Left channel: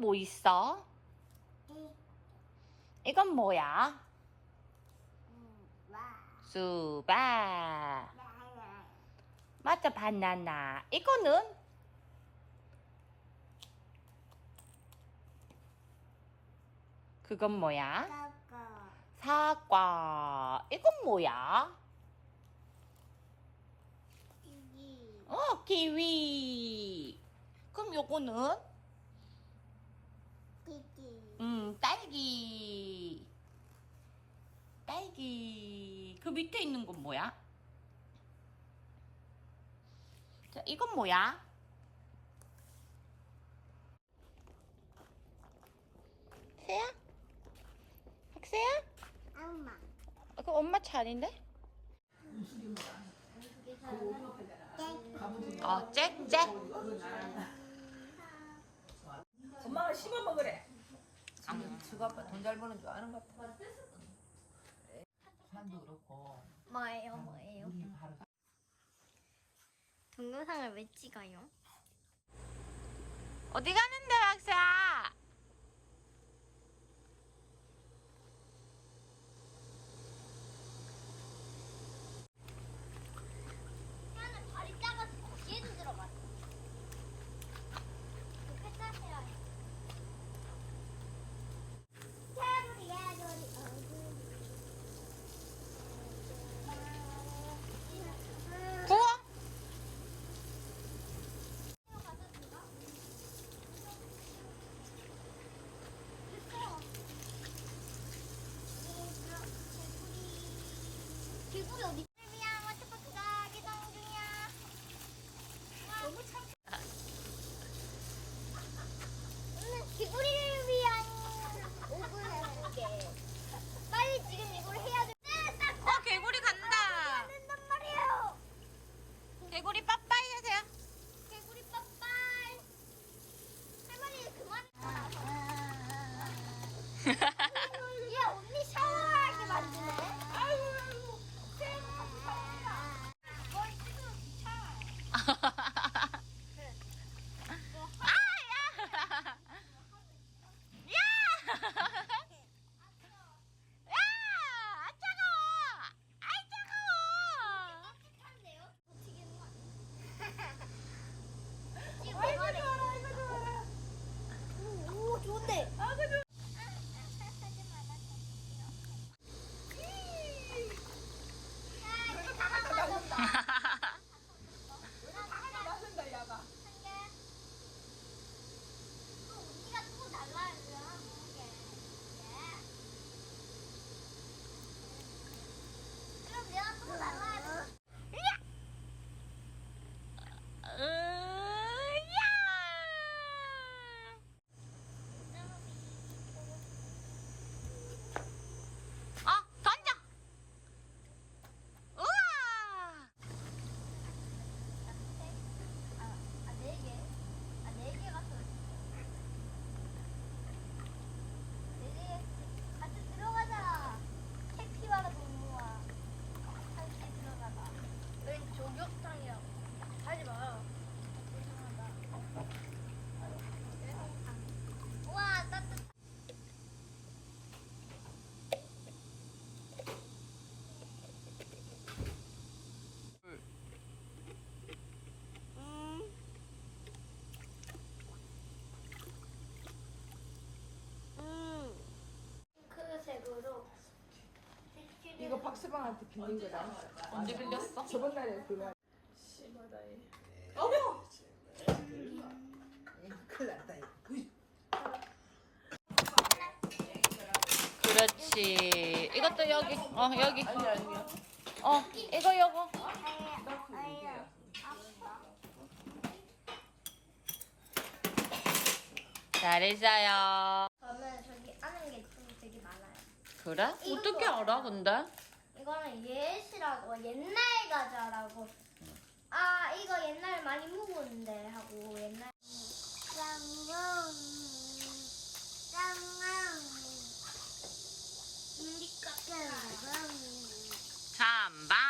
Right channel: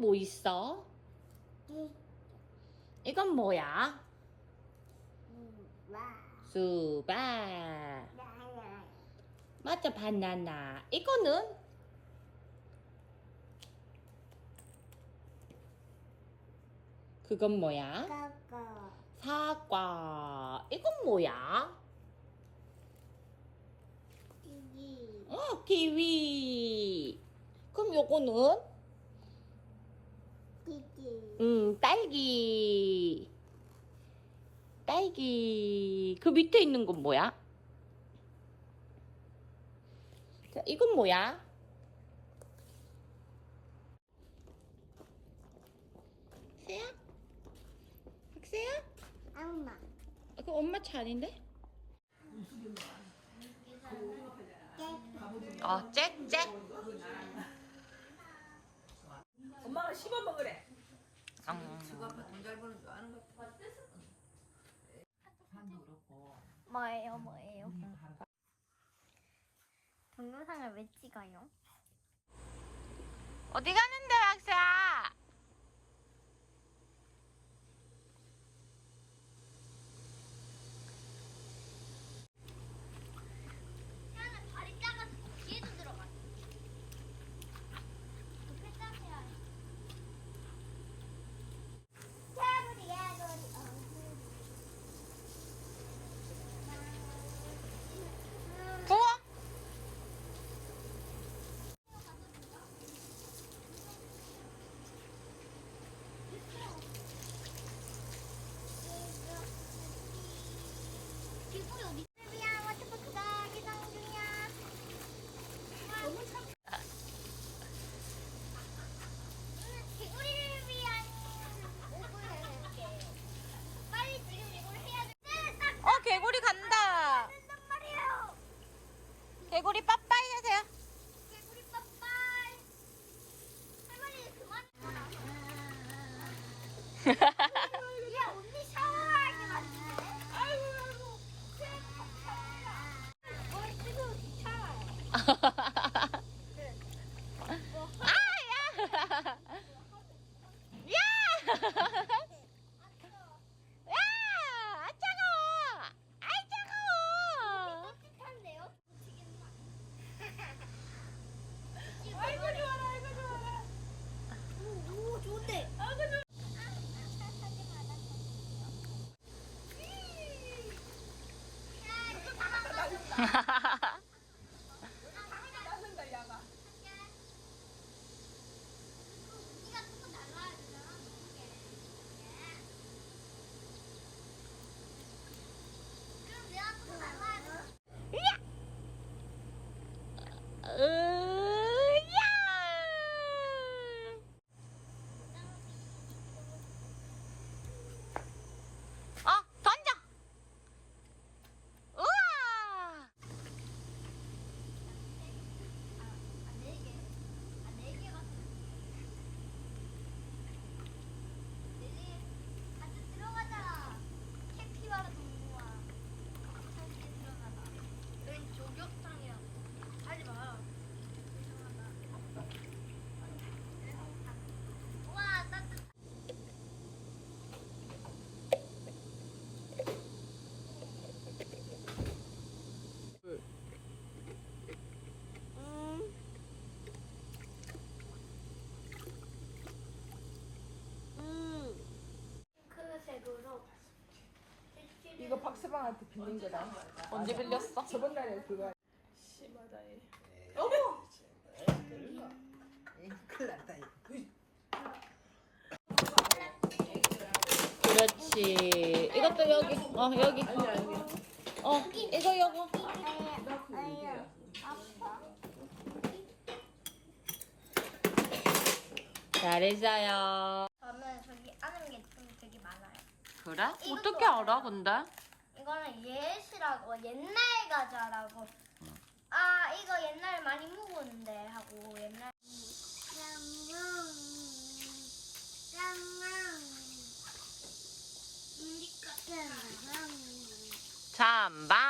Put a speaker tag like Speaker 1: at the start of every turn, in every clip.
Speaker 1: 뭐 있어? 이건 뭐야? 수박. 맞아, 바나나. 이거는? 그건 뭐야? 사과. 이건 뭐야? 어, 키위. 그럼 요거는? 음, 딸기. 딸기. 그 밑에 있는 건 뭐야? 자, 이건 뭐야? 새야? 박새야?
Speaker 2: 엄마.
Speaker 1: 아, 그 엄마 차인데? 어, 짹짹.
Speaker 3: 엄마가 씹어 먹으래. 아는 것 같아. 만도 그렇고
Speaker 2: 뭐예요, 뭐예요?
Speaker 3: 우리 하루
Speaker 2: 동영상을 왜 찍어요?
Speaker 1: 어디 가는데, 박새
Speaker 2: 이거
Speaker 3: 박스방한테 빌린 거다.
Speaker 1: 언제 빌렸어?
Speaker 3: 저번 날에 그거. 큰일 났다 이거.
Speaker 1: 그렇지. 이것도 여기. 어, 여기. 어, 이거.
Speaker 2: 아유, 아빠.
Speaker 1: 잘했어요.
Speaker 2: 저는 저기 아는 게 되게 많아요.
Speaker 1: 그래? 어떻게 알아, 근데?
Speaker 2: 이거는 예시라고 옛날 과자라고. 아 이거 옛날 많이 먹었는데 하고 옛날.
Speaker 1: 잠방.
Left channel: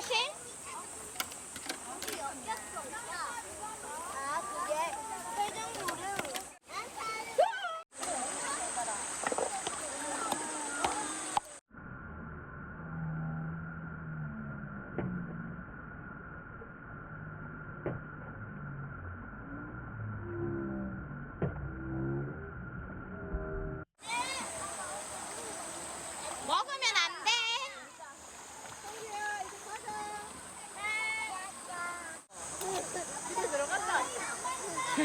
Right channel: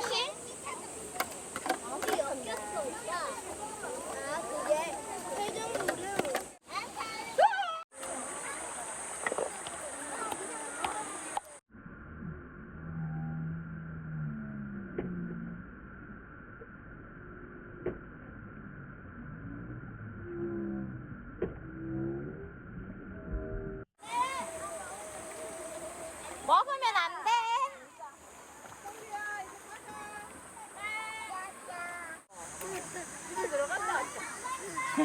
Speaker 1: 조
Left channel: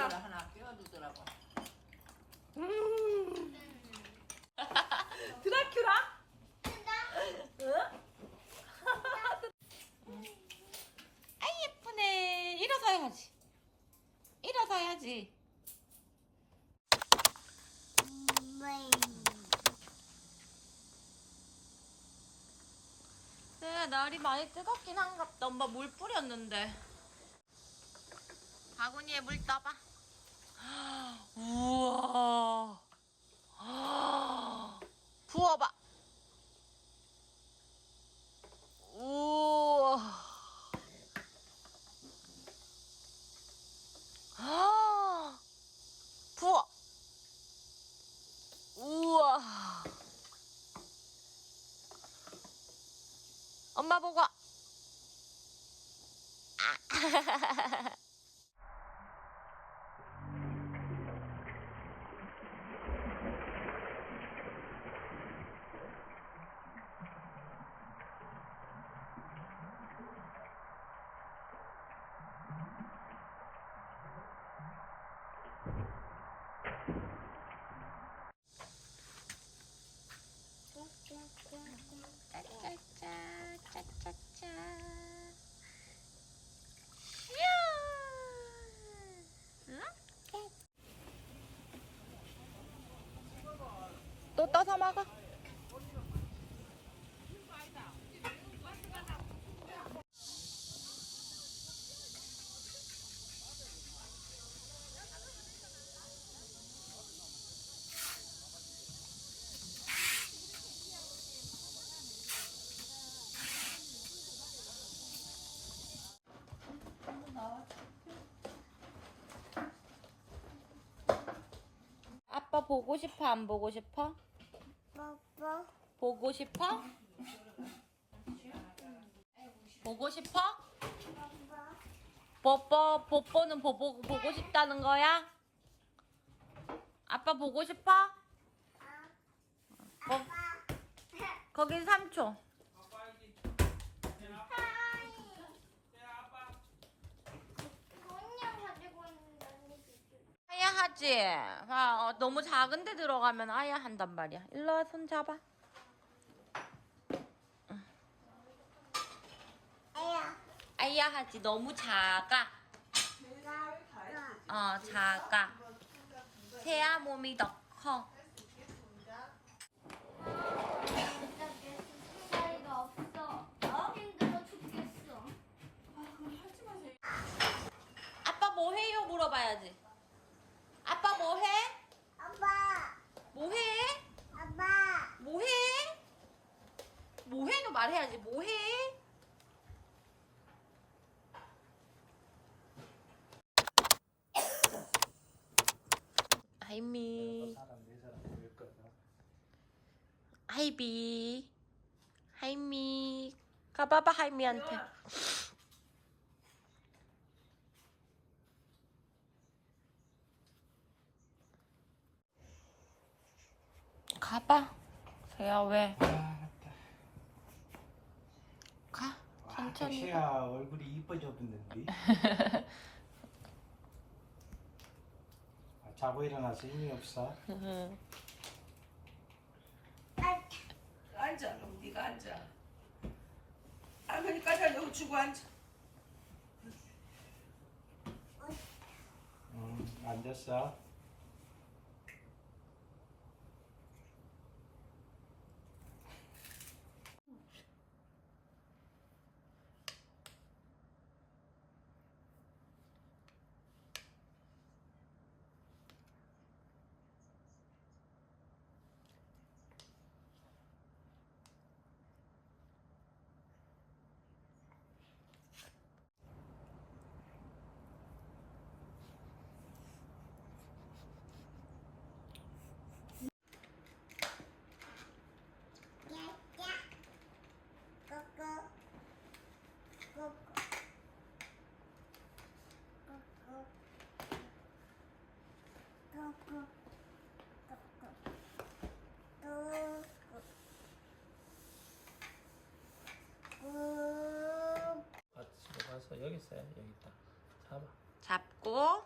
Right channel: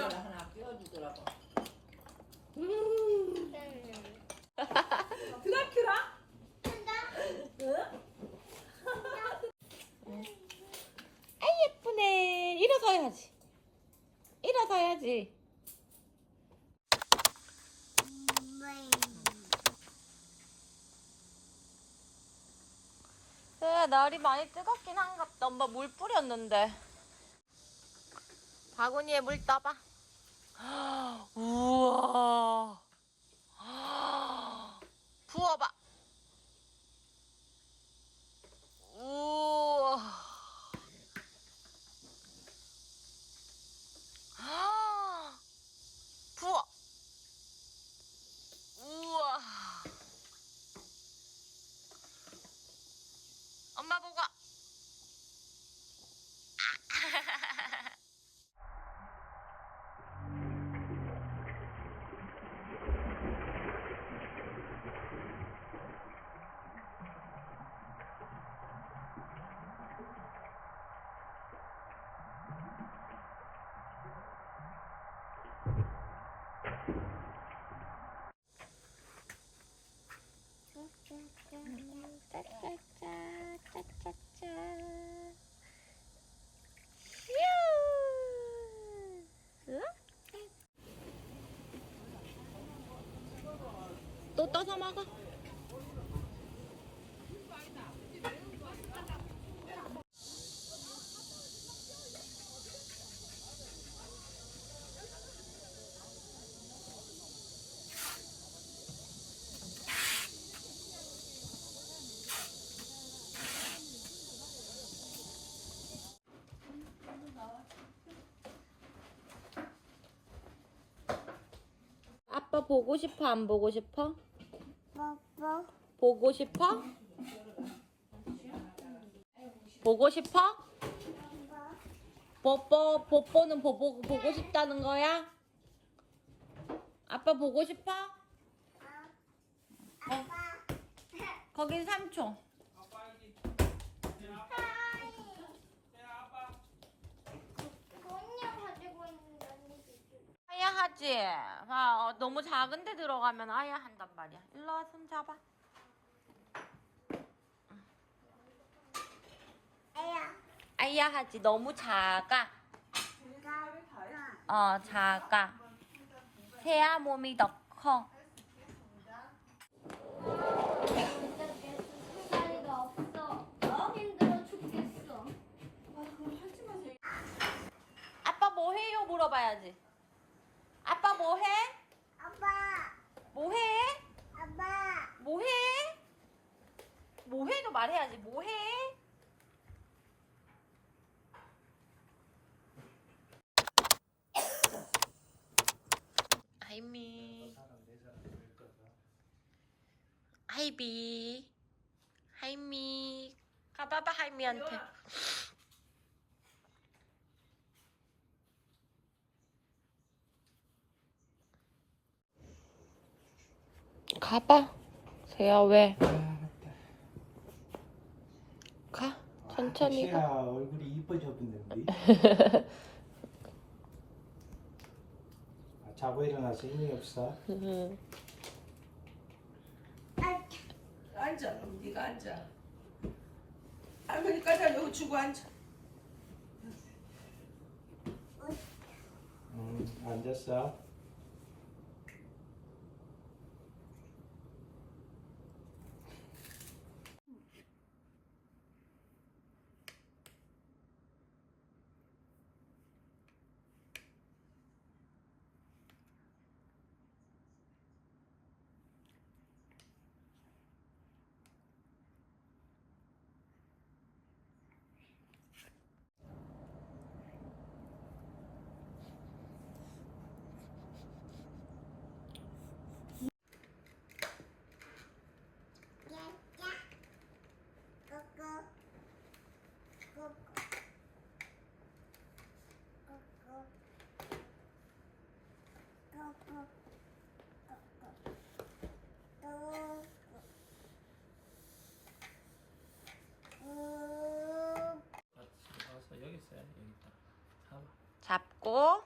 Speaker 3: 박규야. 하나 끼워주더라고. 음. 드라큘라? 응?
Speaker 1: 아이 예쁘네. 일어서야지. 일어서야지. 그래 날이 많이 뜨겁긴 한갑다. 엄마 물 뿌렸는데. 바구니에 물 떠봐. 우와. 부어봐. 우와. 아, 부어. 우와. 엄마 보고. 아. 짜짜짜, 짜짜짜. 슈! 이렇게. 또 떠서 먹어. 아빠 보고 싶어? 안 보고 싶어? 보고 싶어? 보고 싶어? 뽀뽀, 뽀뽀는 보고, 보고 싶다는 거야? 아빠 보고 싶어? 어, 거긴 3초.
Speaker 2: 돈이야 가지고 있는데 언니
Speaker 1: 아야 하지? 아, 어, 너무 작은데 들어가면 아야 한단 말이야. 일로 와, 손 잡아.
Speaker 2: 아야.
Speaker 1: 아야 하지. 너무 작아.
Speaker 2: 나.
Speaker 1: 어, 작아. 새야 몸이 더 커.
Speaker 2: 사이가 없어. 힘들어 죽겠어.
Speaker 1: 아빠 뭐 해요? 물어봐야지. 아빠 뭐 해?
Speaker 2: 아빠.
Speaker 1: 뭐 해?
Speaker 2: 아빠.
Speaker 1: 뭐 해? 뭐 해도 말해야지. 뭐 해? 하이미. 하이비. 하이미. 하이미한테. 가봐. 세야 왜? 가. 천천히 가.
Speaker 4: 시아 얼굴이 이뻐졌는데 아, 자고 일어나서 힘이 없어.
Speaker 3: 앉아, 그럼 네가 앉아. 할머니까지 여기 주고 앉아.
Speaker 4: 응, 앉았어.
Speaker 5: 아, 집에 가서 여기 있어요. 여기 있다. 잡아.
Speaker 1: 잡고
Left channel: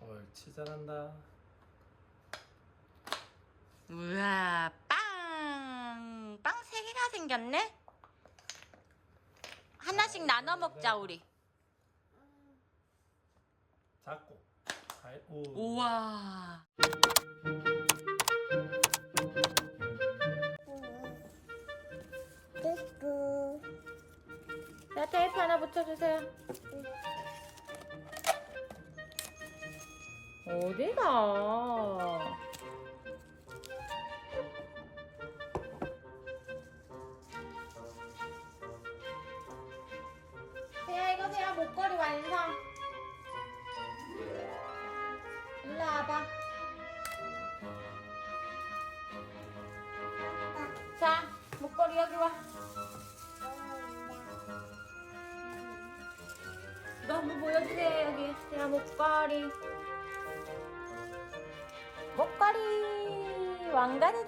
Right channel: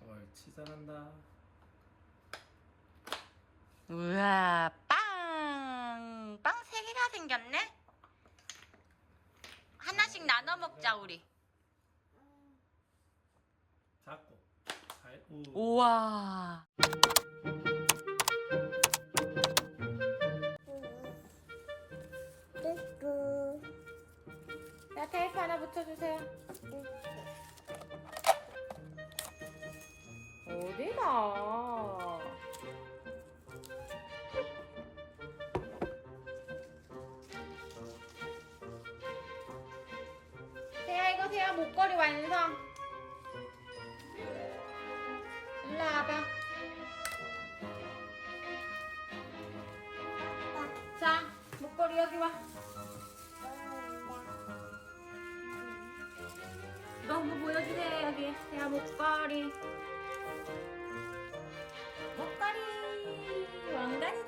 Speaker 5: 옳지 잘한다.
Speaker 1: 우와 빵! 빵 세 개가 생겼네? 하나씩 나눠 먹자 우리
Speaker 5: 잡고. 잘. 오.
Speaker 1: 우와 붙여주세요. 어디가? 세야 이거 세야 목걸이 완성 왕관이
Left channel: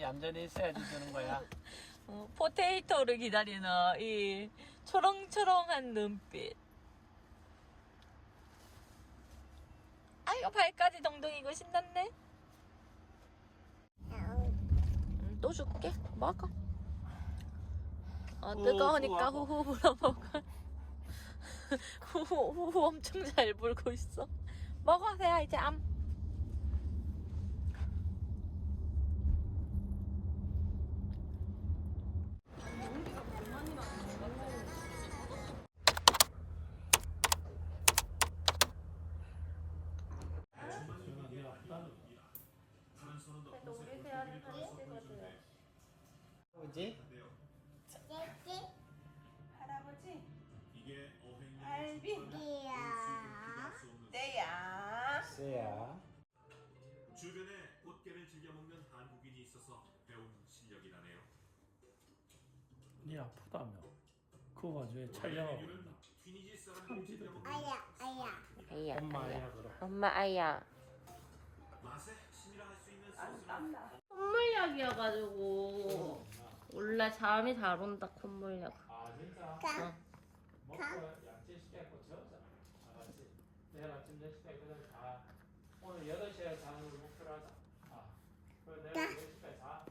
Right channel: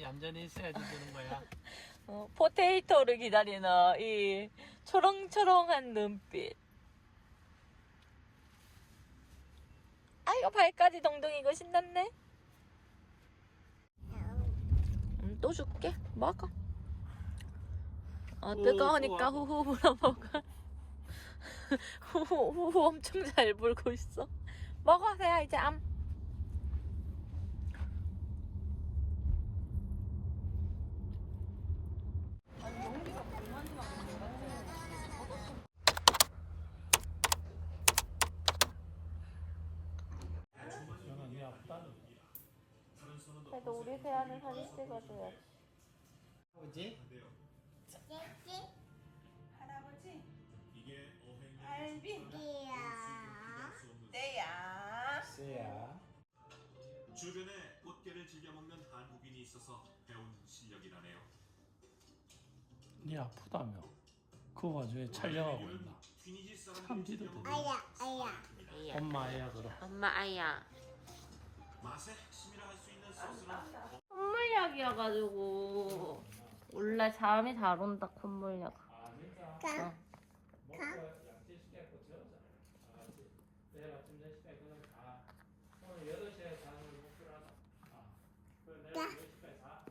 Speaker 5: 얌전히 있어야지 주는 거야.
Speaker 1: 어, 포테이토를 기다리는 이 초롱초롱한 눈빛. 아이고 발까지 동동이고 신났네. 음, 또 줄게. 먹어. 어, 뜨거우니까
Speaker 5: 오,
Speaker 1: 후후 불어먹어. 후후 후후 엄청 잘 불고 있어. 먹어 세야 이제 암. 그래도 우리 세아는 사진 찍어줘야
Speaker 5: 뭐지?
Speaker 3: 할아버지. 알빈. 떼야.
Speaker 4: 쎄야.
Speaker 6: 주변에 꽃게를 즐겨 먹는 한국인이 있어서 배운 실력이라네요.
Speaker 5: 니 아프다며. 그 와중에 촬영하고 있나?
Speaker 6: 튀니지 사람들이
Speaker 5: 참지도
Speaker 6: 즐겨. 먹는
Speaker 2: 아야, 아야.
Speaker 1: 아야.
Speaker 5: 엄마 아이라 그래.
Speaker 1: 엄마 아야.
Speaker 6: 맛의 핵심이라 할 수 있는 소스는
Speaker 1: 콧물약이어가지고 원래 잠이 잘 온다 콧물약.
Speaker 2: 가, 가.
Speaker 5: 내일 아침 10시까지 그다음에 자. 오늘 8시에 자는 걸 목표로 하자. 아. 그럼 내일
Speaker 2: 야.
Speaker 5: 10시까지 자.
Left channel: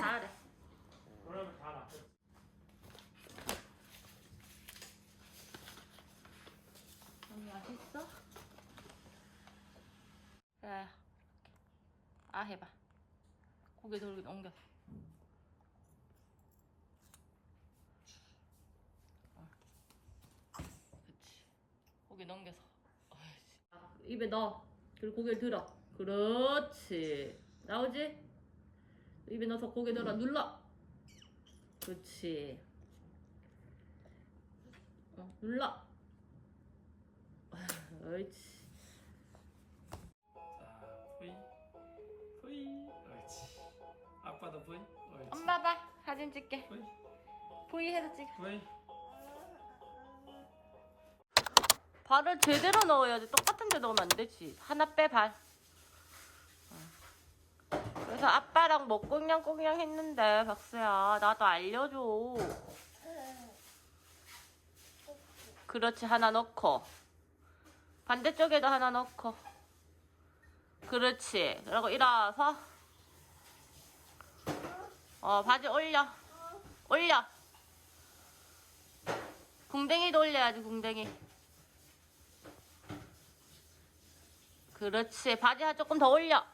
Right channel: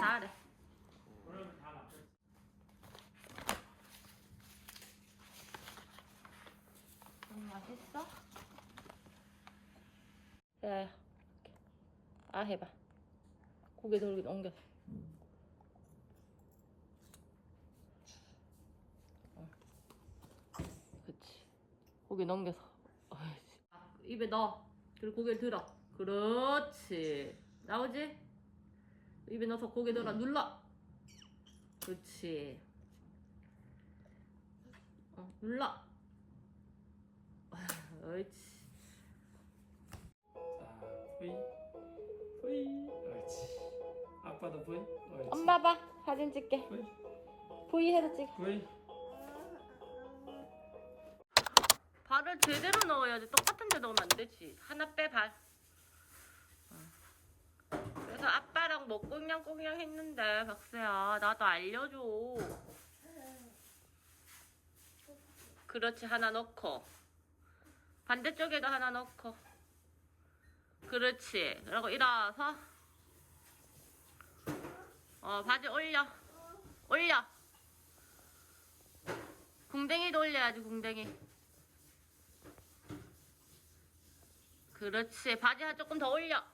Speaker 1: 잘해. 좀 맛있어? 야야. 아 해봐. 고개 돌기 넘겼어. 아, 그치. 고개 넘겨서. 입에 넣어. 그리고 고개를 들어. 그렇지. 나오지? 입에 넣어서 고개 들어. 음. 눌러. 그렇지. 어, 눌러. 아, 옳지.
Speaker 5: 자, 아, 아빠도 V. 옳지.
Speaker 1: 엄마 봐. 사진 찍게.
Speaker 5: V.
Speaker 1: V 해서 찍.
Speaker 5: V.
Speaker 1: 발을 제대로 넣어야지. 똑같은 데 넣으면 안 되지. 하나 빼, 발. 어. 그래서 아빠랑 뭐 꽁냥꽁냥 했는데, 박수야. 나도 알려줘. 그렇지, 하나 넣고. 반대쪽에도 하나 넣고. 그렇지. 그리고 일어서. 어, 바지 올려. 올려. 궁뎅이도 올려야지, 궁뎅이. 그렇지. 바지 한 조금 더 올려.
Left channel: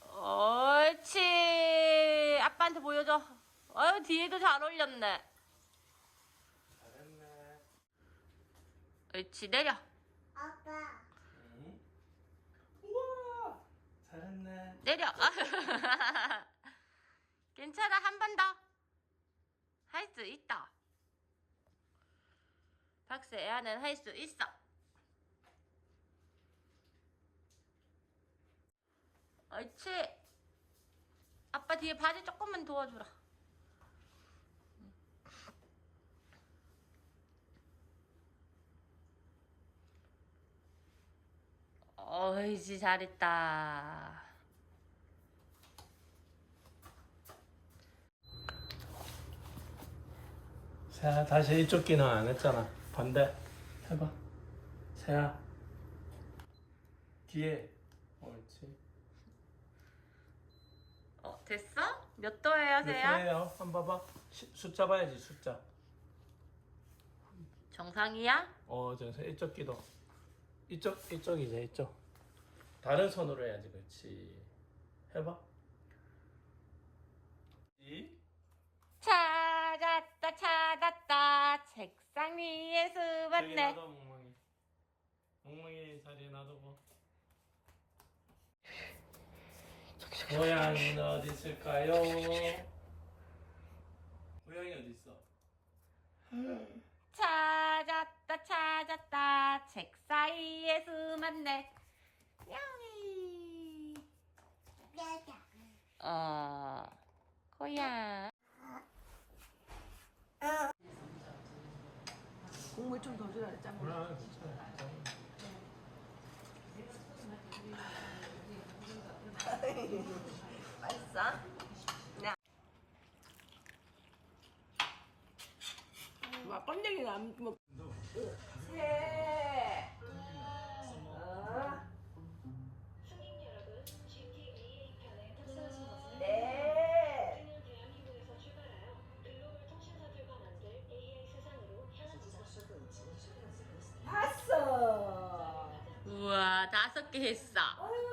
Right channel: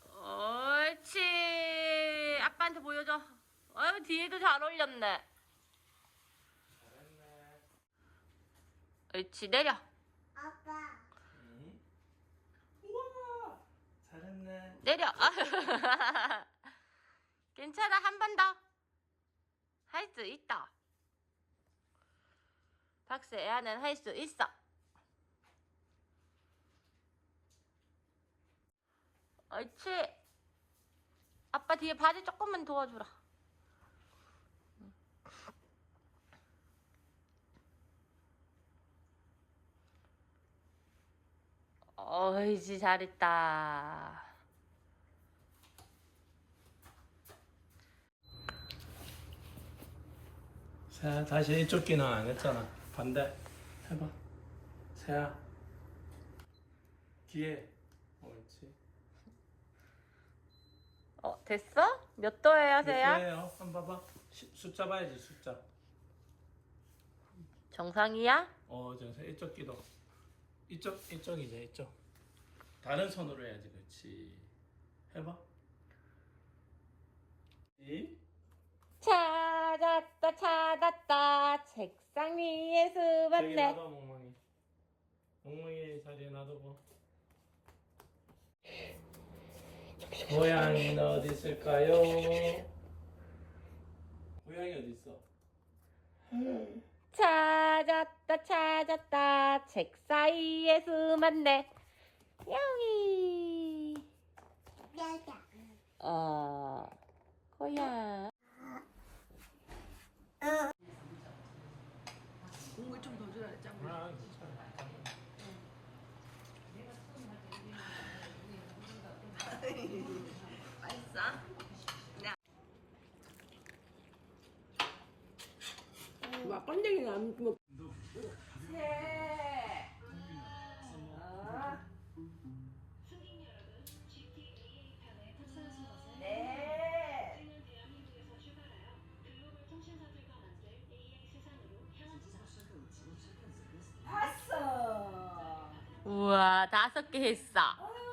Speaker 1: 옳지. 아빠한테 보여줘. 어유 뒤에도 잘 올렸네.
Speaker 5: 잘했네.
Speaker 1: 옳지. 내려.
Speaker 2: 아빠.
Speaker 5: 응. 우와. 잘했네.
Speaker 1: 내려. 괜찮아. 한 번 더. 할 수 있다. 박스 애아는 할 수 있어. 옳지. 아빠 뒤에 바지 조금만 도와주라. 어이지 잘했다.
Speaker 5: 세야 다시 이쪽 끼는 안 했잖아. 반대. 해봐. 세야. 뒤에. 옳지.
Speaker 1: 어 됐어? 몇 도예요, 세야?
Speaker 5: 세야. 한번 봐봐. 시- 숫자 봐야지 숫자.
Speaker 1: 정상이야?
Speaker 5: 어, 정서 이쪽 끼도. 이쪽 이쪽이지 이쪽. 다른 손으로 해야지 그렇지. 해봐. 이.
Speaker 1: 찾았다 찾았다 책상 위에
Speaker 5: 저기
Speaker 1: 수봤네
Speaker 5: 놔둬 멍멍이. 멍멍이 자리에 놔두고. 고양이는 어디 있을까요? 고양이 어디 있어?
Speaker 1: 찾았다 찾았다 책 사이에 숨었네 야옹이
Speaker 2: 뼈다.
Speaker 1: 어 고양
Speaker 5: 몰라.
Speaker 3: 막 건데기 남 뭐. 봤어.
Speaker 1: 우와 다